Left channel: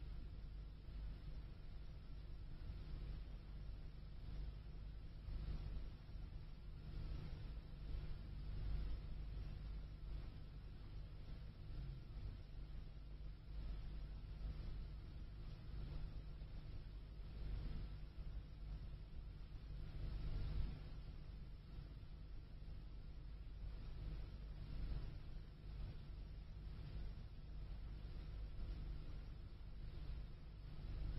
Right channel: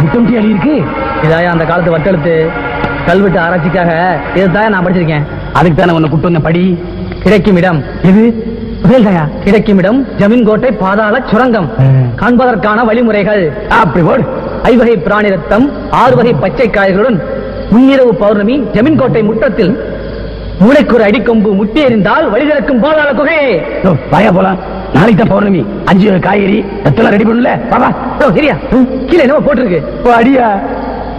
முத்தம் அடி இருக்கு. இதாயா அந்த காலத்து வட்டெழுத்து கல்வெட்டு ஆராய்ச்சிக்காக இதுதான் நான் படிச்சிருக்கேன். அதுக்கு தானே உன்னை கூட்டு வந்த படி. கிடைக்கும் இடம் இது கிடைக்கும் இடம் ஜமீன் கோட்டை பாதாள சுரங்கம். காண்பதற்கான வழிமுறைகள் அப்படி போடு. 5 வகை பிராணி ரத்தம் 6 வகை பச்சை காய்களுடன் முன்னிரவு பௌர்ணமி ஜமீன் கோட்டை முற்றத்தில் மூளைக்கு ஒரு அடிக்கொம்பு முட்டி எறிந்தால் வழி திறக்கும் பாதாள குகை. வாயா போலாம். நாளைக்கு தான் பௌர்ணமி. 5 வகை காய்கறி ரத்தம் ரெடி பண்ணல. பாபா சரியா? கீழே என்ன போட்டிருக்கு? அடியா.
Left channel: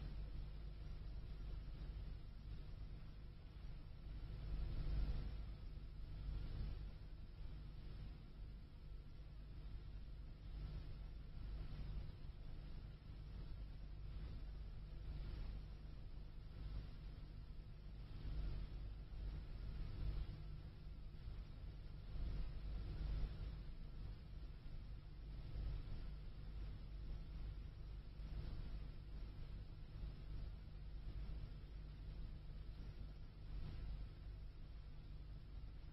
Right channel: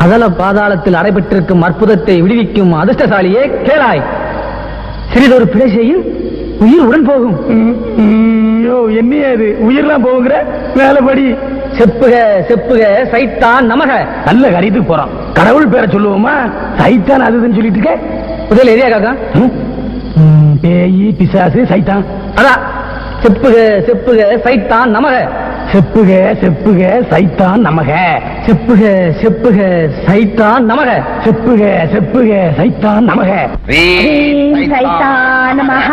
அதல பாதாளத்தில் அடைபெற்றிருக்கும் அற்புதத்தை விடுவிக்கும் அதிர்ஷ்டசாலியே கேளாய். சிறிதொரு பிழை செய்யும் உயிர் உடன் போகும். என்னையா இது உயிர்லாம் போகுங்கிற? மேலபடி செப்புக செப்புக சைத்தான் நமக. நல்ல காரியத்துக்கு போறோம். கடவுள் பேரை சொல்லுவோமா? சைத்தான் அதுன்னு சொல்லிட்டு இருக்க. முதல் எரியா காக்கா? பேயி பிசாசு சைத்தான். அதான் செப்புக செப்புக சைத்தான் நமக. செப்புக செப்புக சைத்தான் நமக. செப்புக செப்புக சைத்தான் நமக. செப்புக செப்புக சைத்தான் நமக. சைத்தான் நமக.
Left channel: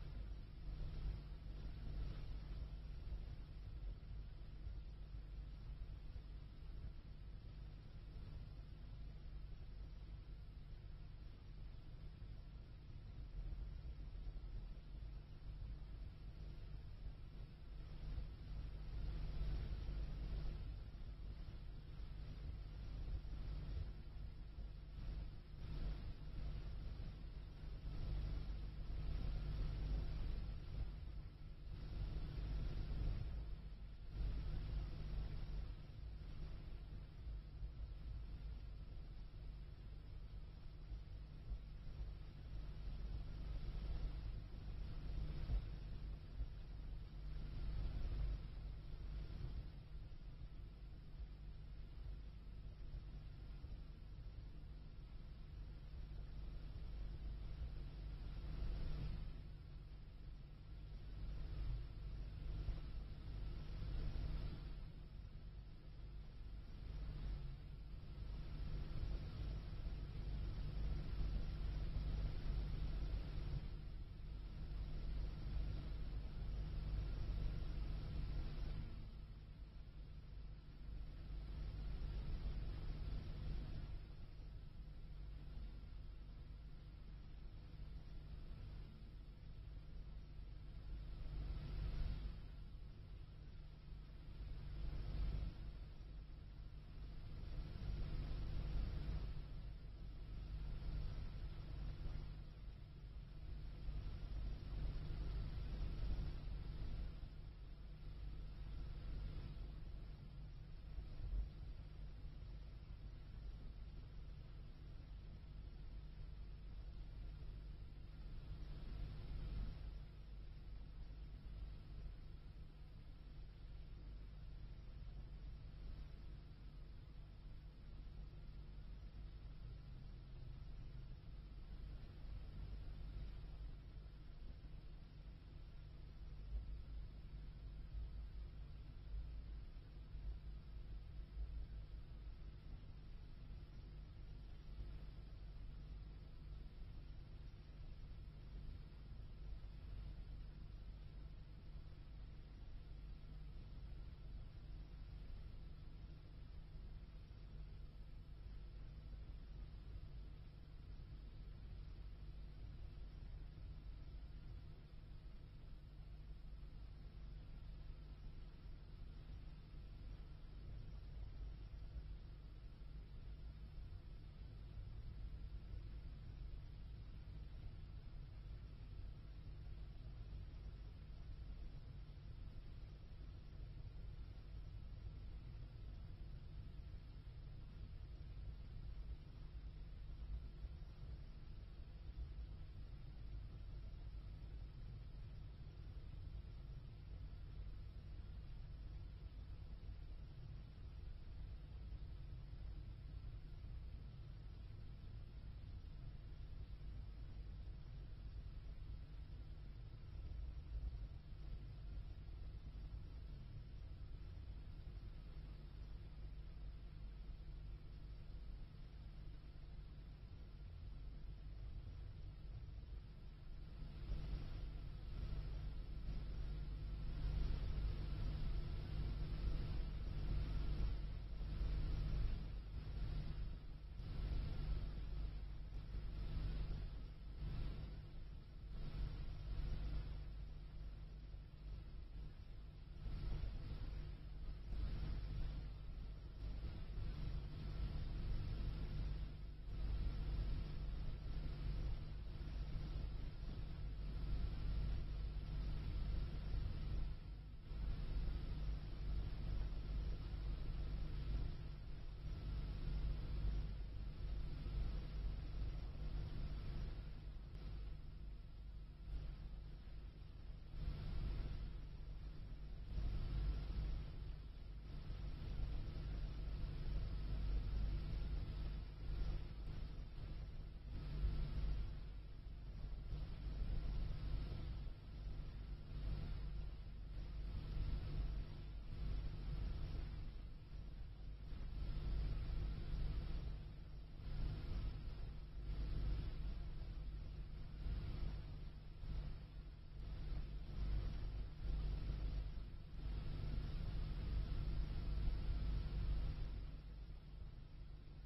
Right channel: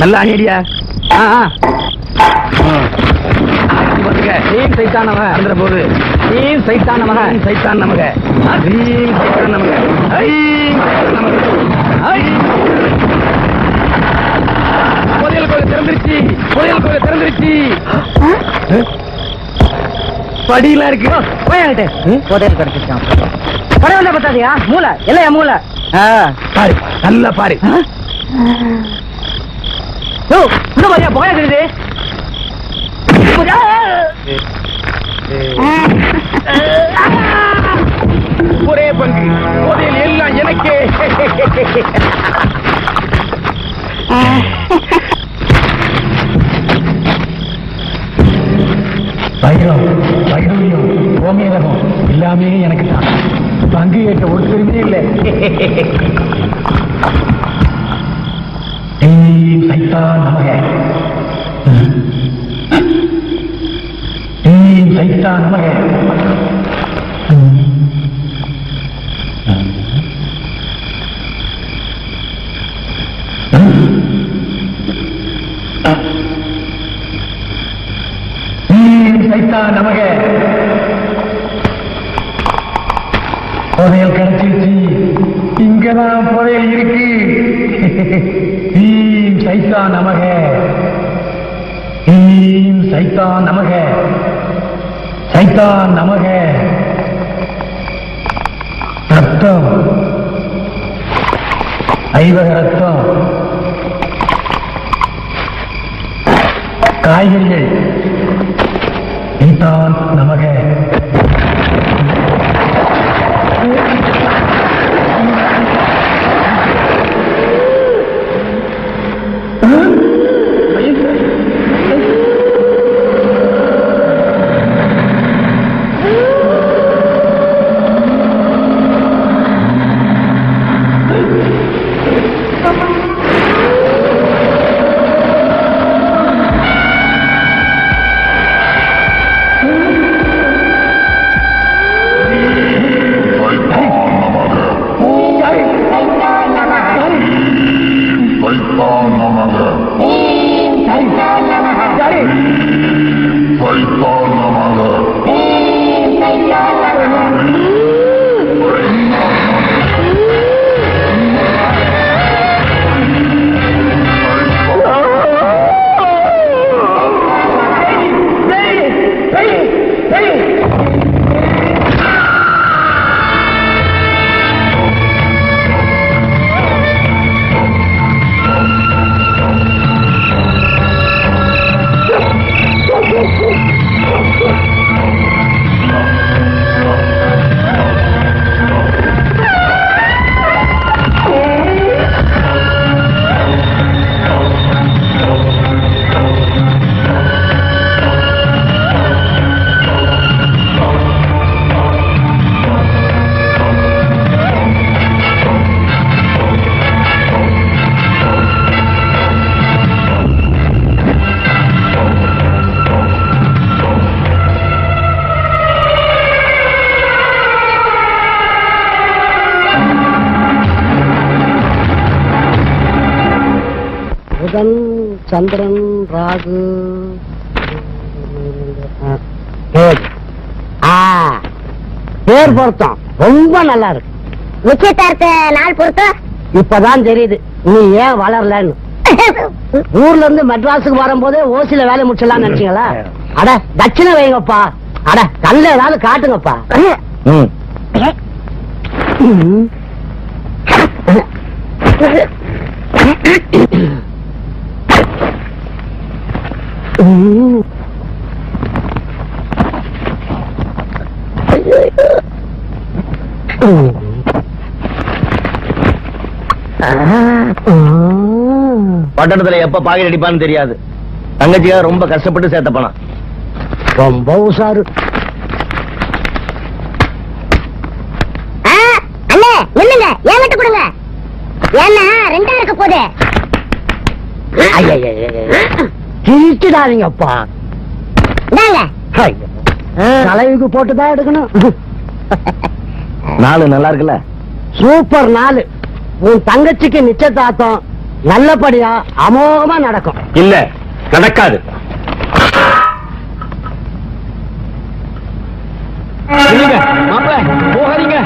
நல்ல அணியடியா. சைத்தான் நமக போது சைத்தான் நமக. சைத்தான் நமக. சைத்தான் நமக. புதையல் கோயில் திறந்துருச்சு. புதையல் கோயில் திறந்துருச்சு. படியெல்லாம் இருக்கு. போயாகிட்டு புதையல் கிடைச்சிருக்கான். பரவாயில்ல பத்தாதியா? மூளை இல்லையா? மூளை பாரு. நல்லா பாரு. போயா தெரியுது. ஒரே பங்கு புதையல் எல்லாம் எனக்கே. வைரம் வைரவியம் கோமியகம் எல்லாமே எனக்கு தான். பங்கு கேட்ட ஒரு பெருமே இல்லை. சைத்தான் நமக. சைத்தான் நமக. சைத்தான் நமக. புதையல் கிடைச்சிருச்சு. இங்கதான் புதையல் இருக்கு. சைத்தான் நமக. சைத்தான் நமக. சைத்தான் நமக. ரத்தம் 5 வகை ரத்தம். காய்கறிகள் சைத்தான் நமக. புதன் சந்திரன் ராகு பேர் பொருத்தம் ரொம்ப நல்லா இருக்கு. நிச்சயதார்த்த நாள் பொருத்தம் இப்பதான் தெரியுது நீ ஏன் வளரலன்னு. ஊர்ல இருந்து மெட்ராஸுக்கு வரும்போதே ஓசில வேலை முடிச்சலாம் நினைச்சீங்களா? அட தட்சிணை வைங்கப்பா. அட கல்ல ஏதாவது காட்டுங்கப்பா. பட்டணத்துல எப்ப பாக்கெட் அடிப்பான்னு தெரியாது. தங்கச்சியா ரொம்ப கஷ்டப்பட்டு சேர்த்த பணம். ரொம்ப உஷாரு. அண்ணே இல்லங்க ஏன் விட்டு கொடுங்க. ஏன்னா ரெண்டா இருக்க போதே. கிழிச்சிடாதீங்கப்பா. தலைவுக்கு போட்டுதான் எடுக்கணும். நாலு நல்லா இருக்குல்ல? சூப்பர் நாலு. உன் தங்கச்சிக்கு நிச்சயதார்த்தம் நல்லபடியா அமோகமா நடக்கும். இல்ல நடக்காது. மாப்பிள போகாதீங்க.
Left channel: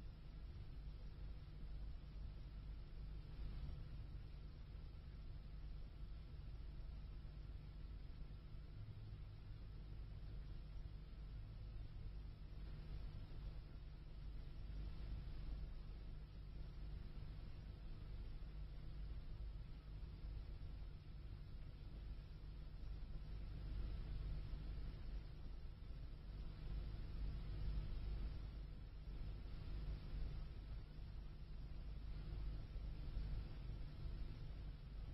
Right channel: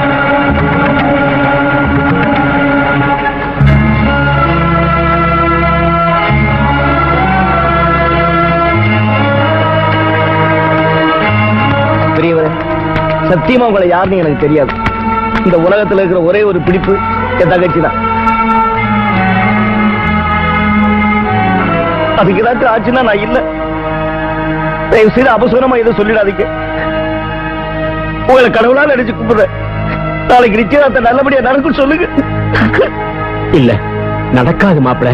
பெரியவரே, சத்தியமா உங்களை யாருன்னு எனக்கு தெரியாது. இந்த உலகத்துல இருக்கிற ஒரே ஒரு பிடிப்பு என் தங்கச்சி தான். அதுக்கு ஏதாச்சும் ஆச்சுன்னா நான் இல்ல. தயவு செய்து அபசூரமா எதுவும் சொல்லிடாதீங்க. உங்களை கடவுளா நினைச்சு கூப்பிடுறேன். நாளைக்கு நிச்சயதார்த்தம் நல்லபடியா நடக்கும் சொல்லுங்க. இல்ல நடக்காது மாப்பிள.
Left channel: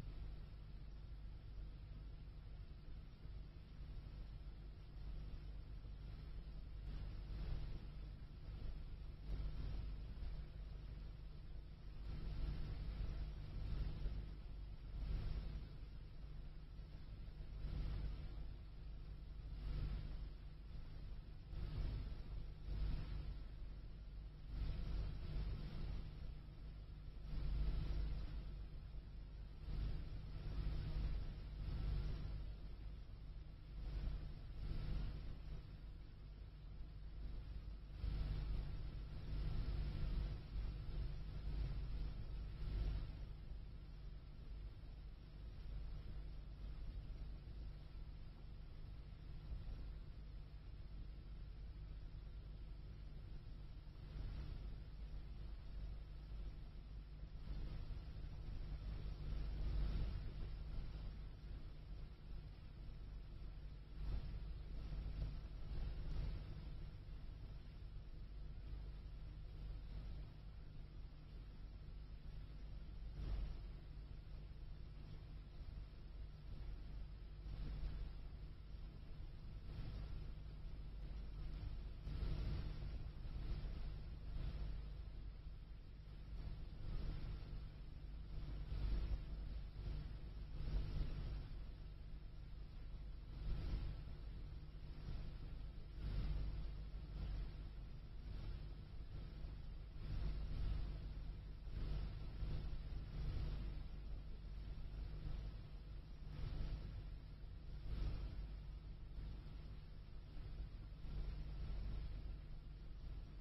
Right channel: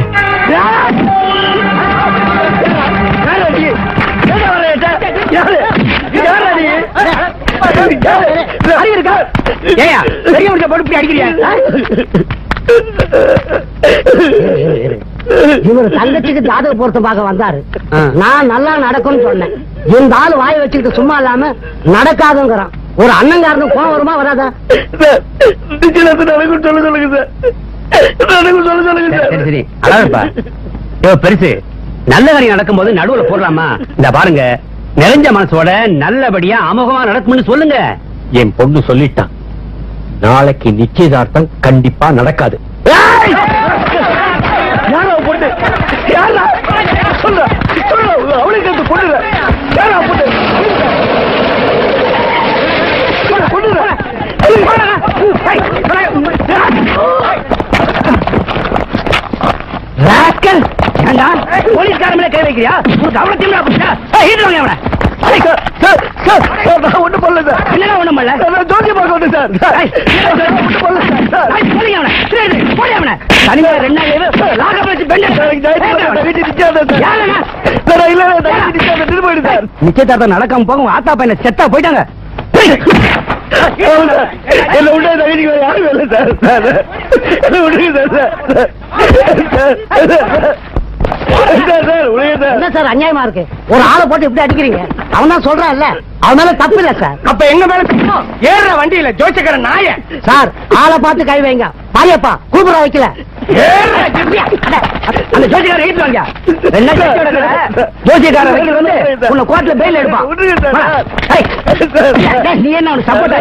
இவரு தங்கச்சிக்கு ஜாதக பொருத்த பார்க்க வந்தாரு. நான் நல்லா நடக்கும்னு சொன்னேன். இந்த ஆளு வாய வச்சுக்கிட்டு சும்மா இல்லாம நடக்காதுங்கிறான். ஒரு அண்ணங்காரனும் கோவம் வருமா வராதா? நடக்கும் சொல்ல சொல்லுங்க சார். நடக்கும் சொல்ல சொல்லுங்க சார். சரி அழகப்பா. பெருசு நல்ல காரியம் நடக்கும் போது நடுவுல போடலாமா? இந்த பாருங்க, நிறைஞ்ச மனசோட நல்லபடியா அமோகமா நடக்கும்னு சொல்லுங்க. என் பொண்ணு சொல்லிட்டான், நாளைக்கு நிச்சயதார்த்தம் கண்டிப்பா நடக்காது. யாரா பொண்ணு? யாரா சொல்ல சொல்ல அவளுக்கு பொண்ணு யாரா பொண்ணு? போலீஸ்கார மேல கை வைக்கிறியா? கவனத்தையும் ஒண்ணும் பண்ணல சார். என்ன ஒண்ணும் பண்ணல? ஜோதி பார்க்க வந்து சார். தனியா நிச்சயதார்த்தம் நடக்காம போக உங்க ஆத்தா பையனை செத்தா போயிட்டாங்க. என்ன உண்டா தகுதி யாரும் இல்லை சார். என்ன விடுங்க என்ன சார் அநியாயமா இருக்கு? ஒரு ஆளை போட்டு இப்படி அடிக்கிறீங்க. அவன் தான் சொல்றான்ல, அவன் மேல தப்பு இல்ல சார். அப்ப எங்க மேல ஏற வண்டியில ஜோசிக்கிற நாய சார் ஆளை பார்த்து கை வைங்க. பாரியப்பா கூப்பிட வைக்கல. அந்த ஜோசிக்கார ரைட் வாங்க. ஜோசிக்கார வைக்கிற வந்து உன்னை கோர்ட்ல பெயில் எடுப்பான். நீ என்ன அவனுக்கு சப்போர்ட்டா?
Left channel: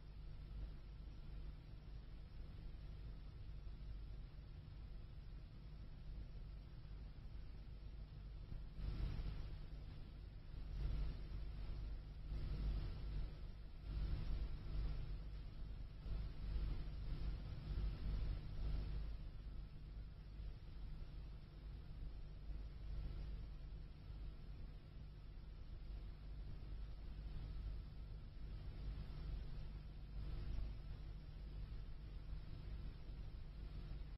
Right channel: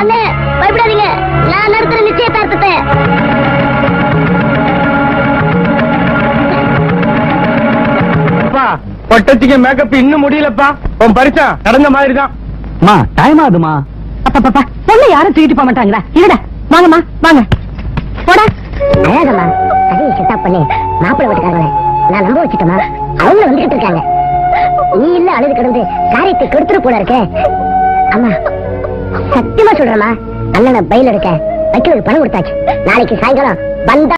அண்ணே பயப்படாதீங்க, நான் நடத்துற நிச்சயதார்த்தத்தை. பட்டத்துக்கு மேக்கப் இன்னும் முடியலப்பா. உன் பரிசா நடந்த மாதிரி தான். டைம் ஆகுதுமா. அப்பா பொண்ணு யாரும் தூக்கிட்டு போக மாட்டாங்களா? இல்லடா வாங்கம்மா வாங்க போடா. அழகம்மா அதையும் செட்டப் பண்ணி மாப்பிள்ளை வீட்டுக்காரங்களே நான் நம்ப வச்சுட்டோமா? அவங்க வந்துகிட்டு இருக்காங்க. நீ இல்ல அழுது கிடந்து காரியத்தை கெடுத்துட்டு போல இருக்கே. அம்மா சத்தியமா சொல்றேம்மா, அண்ணனை பயில் எடுக்க வைக்கிறது பணம் கொடுத்தாச்சு. நாளைக்கு சாயங்காலம் வந்தா